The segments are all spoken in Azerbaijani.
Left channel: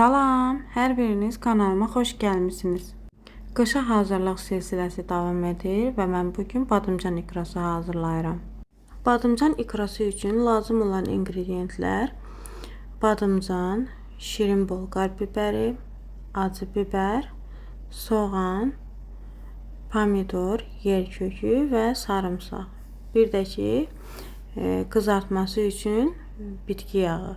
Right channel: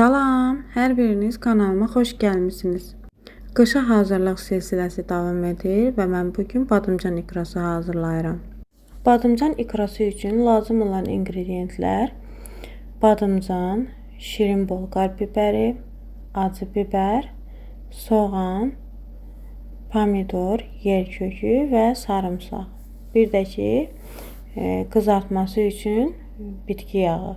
Salam, hər biriniz kanalıma xoş gəlmisiniz. Qışa hazırlıq silsiləsi davam edir və mən bugün badımcan ikrası hazırlayıram. Badımcan ikrası üçün lazım olan ingredientlər: badımcan, şirin bolqar bibəri, acı biber, soğan, pomidor, yer kökü və sarımsaq. Bir də ki, qızartması üçün bitki yağı.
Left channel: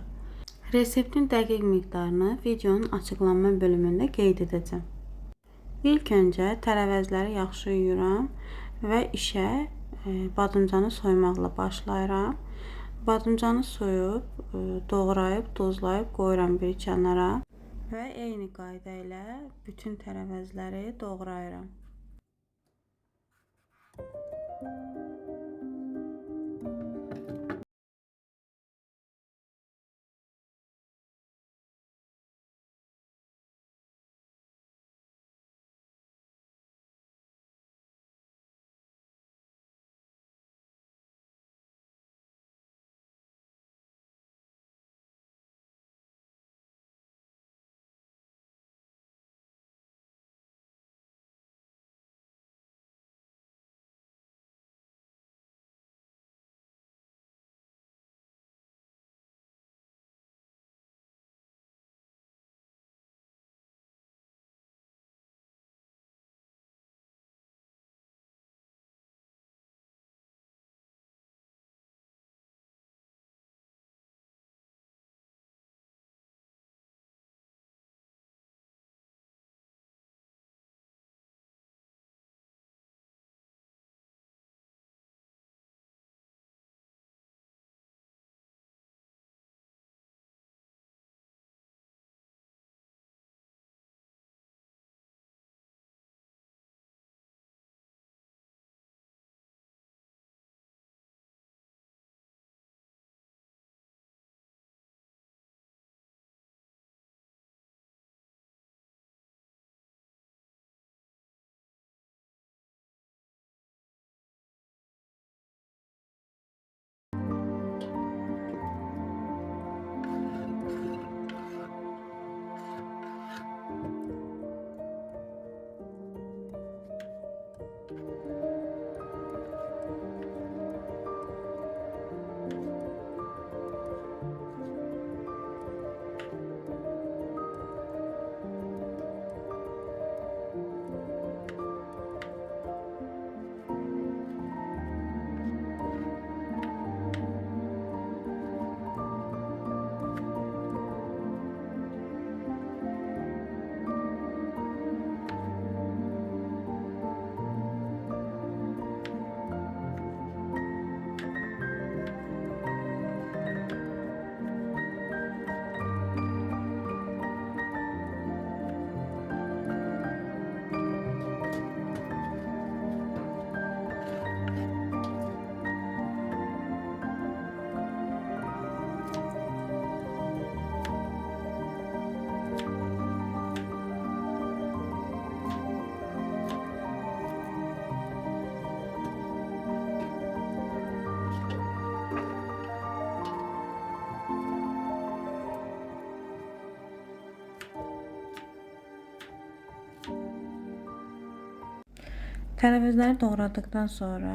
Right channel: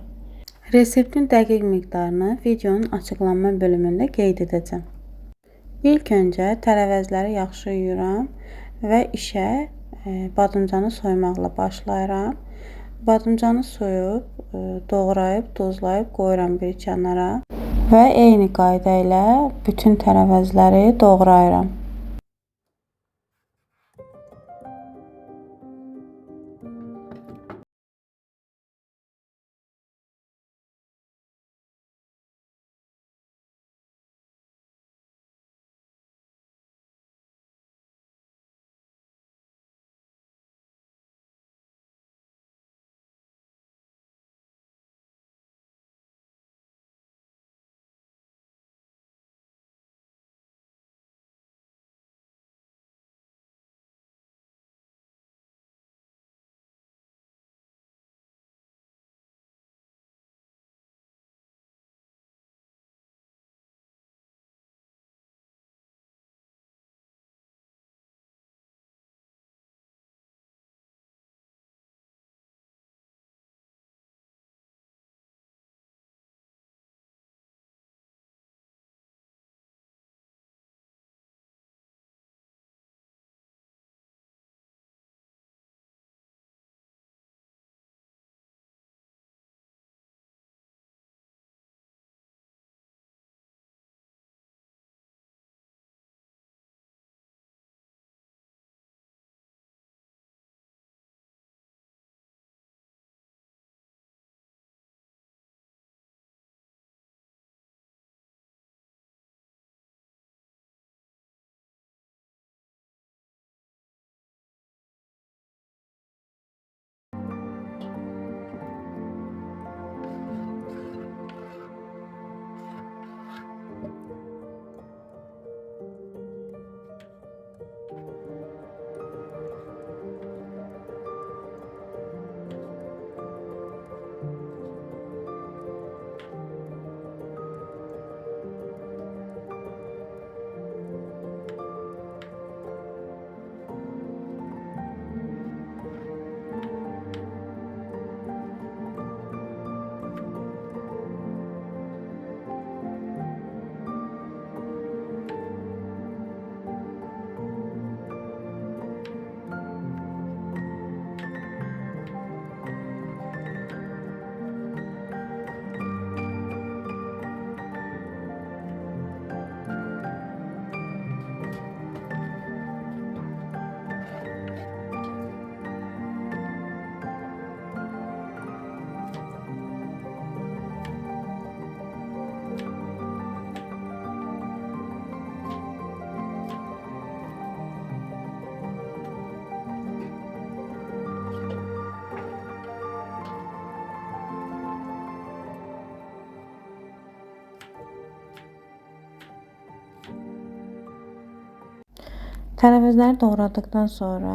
Reseptin dəqiq miqdarını videonun açıqlanma bölümündə qeyd edəcəm. İlk öncə tərəvəzləri yaxşı yuyuram və işə badımcanı soymaqla başlayıram. Badımcanı soyub, doğrayıb, duzlayıb qoyuram bir kənara və eyni qayda ilə bütün tərəvəzləri doğrayıram. Tərəvəzləri doğradıktan sonra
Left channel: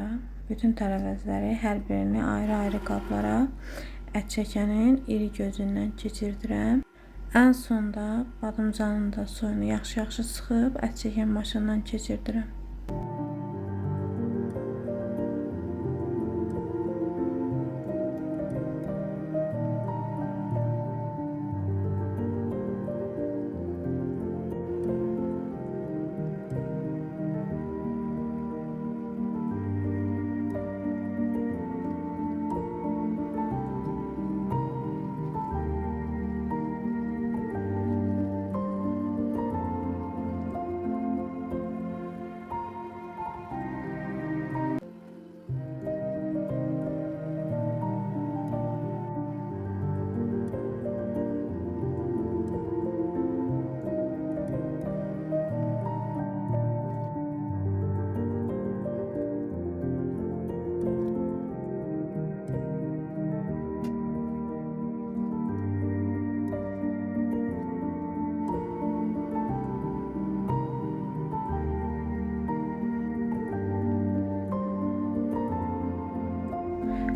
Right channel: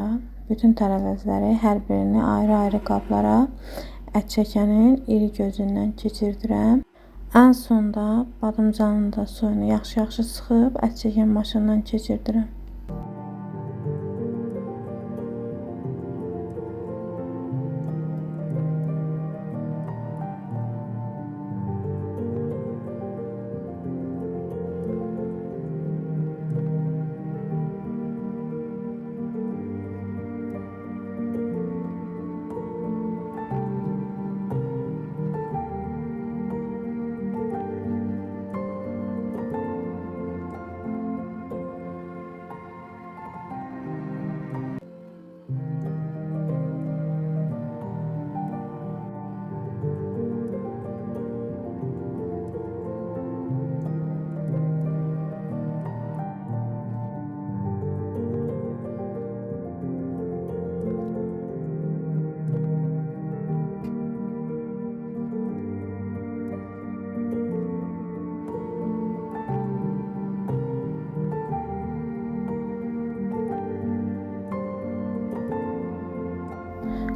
bütün tərəvəzləri hər birini ayrı-ayrı qablara ət çəkənin iri gözündən keçirdirəm. Ən sonda badımcanın da suyunu yaxşı-yaxşı sıxıb ət çəkən maşından keçirdirəm.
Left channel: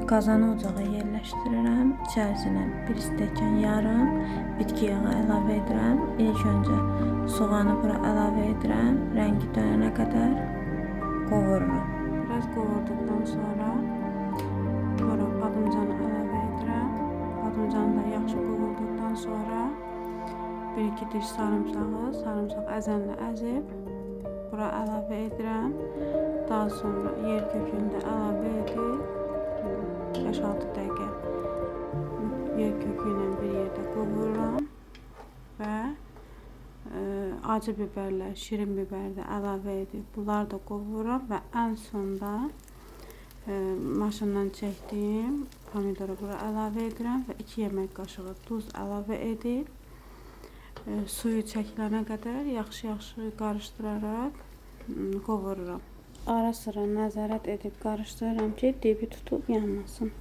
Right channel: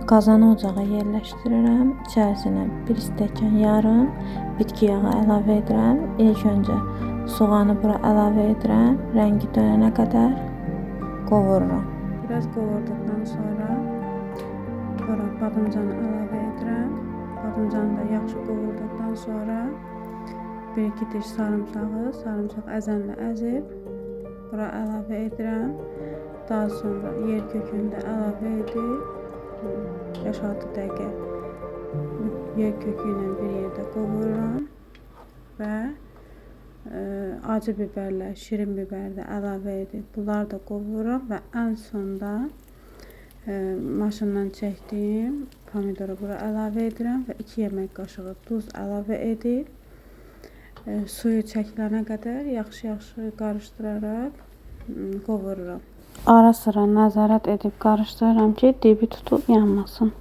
Qazanı ocağa yerləşdirirəm. İçərisinə 1 stəkan yarım bitki yağı əlavə edirəm. İlk öncə soğanı bura əlavə edirəm. Rəngi dönənə qədər qovururam. Biraz qovurduqdan sonra bura badımcanı əlavə edirəm. Badımcanı da yaxşı qovurduqdan sonra 1-2 diş sarımsaq əzənlə əzib bura əlavə edirəm. Daha sonra yer kökünü də əlavə edib 5-6 dəqiqə yer kökü ilə bir yerdə qovururam və acı biberlə, şirin biber də əlavə edib bunları da qovururam və ən sonda maşından çəkdiyim pomidoru bura əlavə edirəm və 2 yemək qaşığı duz əlavə edib suyu çəkilənə qədər yaxşı qarışdıraraq qovururam. Ara sıra nəzarət edib qarışdırıram ki, dibi tutub yanmasın.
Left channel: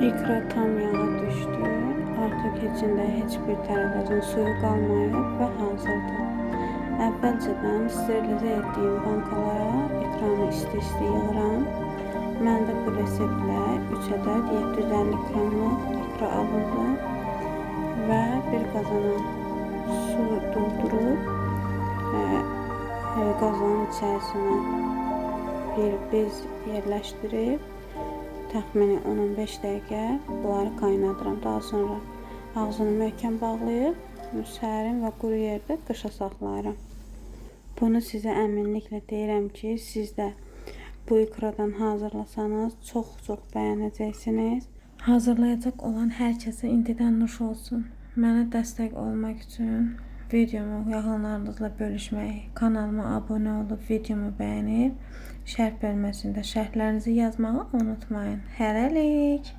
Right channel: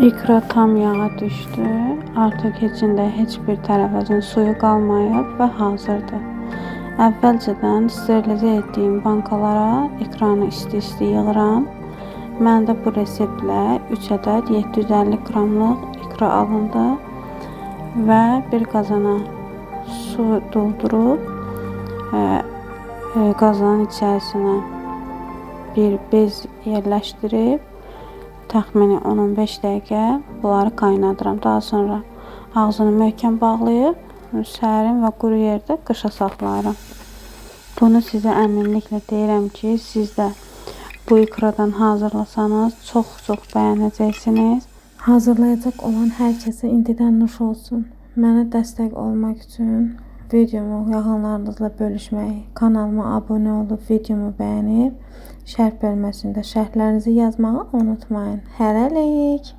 İkra tam yağa düşdü. Artıq içində heç bir tərəfəcin suyu qalmayıb və hazırdır. Əvvəlcədən sterilizə etdiyim bankalara ikranı isti-isti yığıram. Məndə bu reseptlə 3 ədəd 750 qramlıq ikra alındı və bir qazana su doldurub qazanın içərisinə bir bez yerləşdirib təxmini 10-15 dəqiqə bunları qaynadıram. Daha sonra ağzını möhkəm bağlayıb sərin və quru yerdə qışa saxlayıram. Bunu sizə əminliklə deyirəm ki, siz də bu ikradan hazırlasanız çox bəyənəcəksiniz. Hazırlayacaq olan hər kəsə indidən nuş olsun. Mənə dəstək olmaq üçün videomu yaxınlarınızla bölüşməyi, kanalıma abunə olub videomu bəyənib şərh bölməsində şərhlərinizi yazmağı unutmayın. Hələlik.